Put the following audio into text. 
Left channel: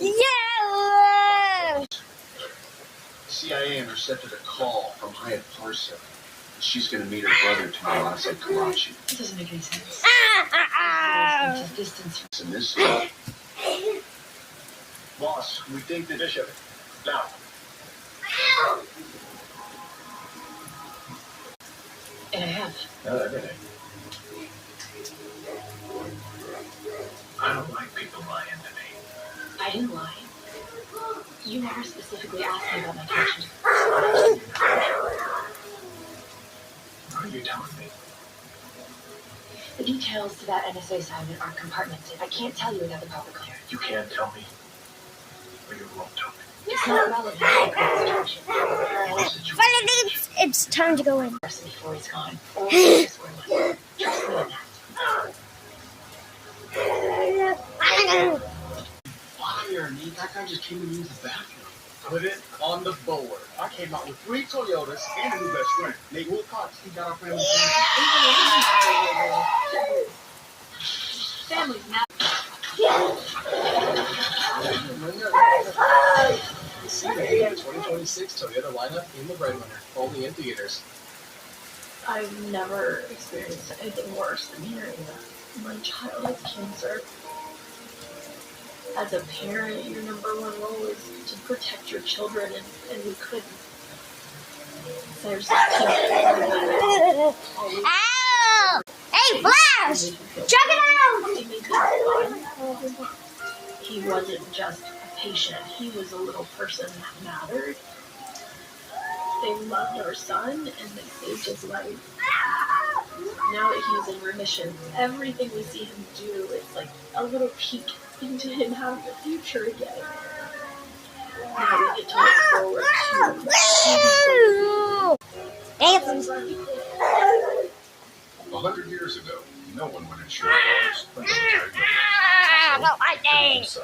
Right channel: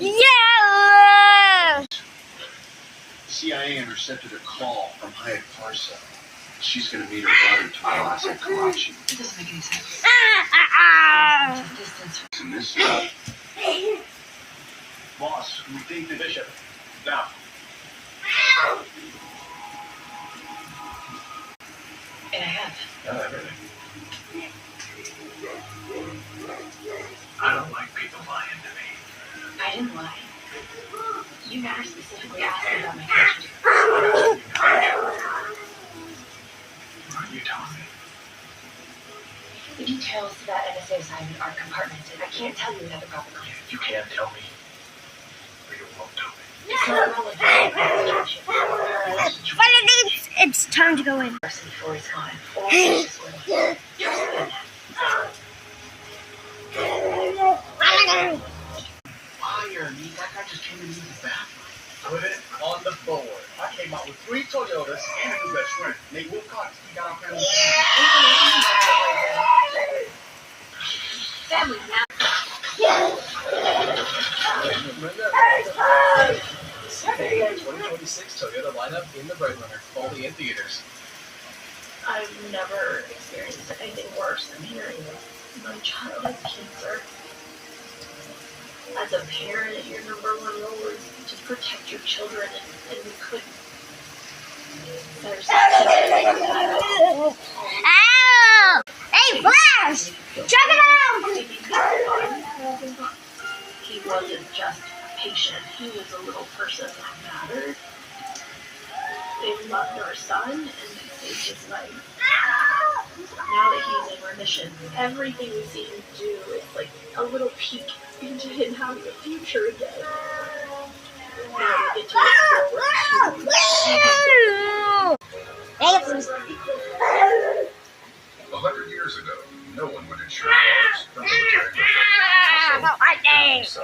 Yeah! CIA intercepted a call from Hyatt Parsa. She's going to meet her brother tomorrow outside Karachi. It doesn't make any sense. Distance. And this Boss, we think the bishop. Now. And I have. Everything. I don't like people lying to me. I didn't lie. You never specifically asked me about my connection to What are you telling me? the details to that NSA assignment are compartmented. I can't tell you without the proper clearance. You can't tell me. Or you won't tell me. It's not relevant to the current situation. But it's time to go in. Before he's gone. Or just trust me on that. fire, me. That guy just came to use the bathroom. Put it on the board. I came out with 3 Toyotas and a new best friend. Nate Wilcox, he got out there and Family's now. CA 2026 Toyota lineup in the breadwinner. Only in theaters. I've never experienced anything worse than hearing that my child has cancer. As a parent, your number one role is to protect your children, and we couldn't. There's Ow! Hey, Flash! Check it out! He wasn't just a patient, he was a little person that mattered. They loved our son, and they saved his life. Now that he's in remission, everything we see him do is like a little peek into him having a future again. Now we get to look forward to 100 years ago, no one would insure cars. I don't like it.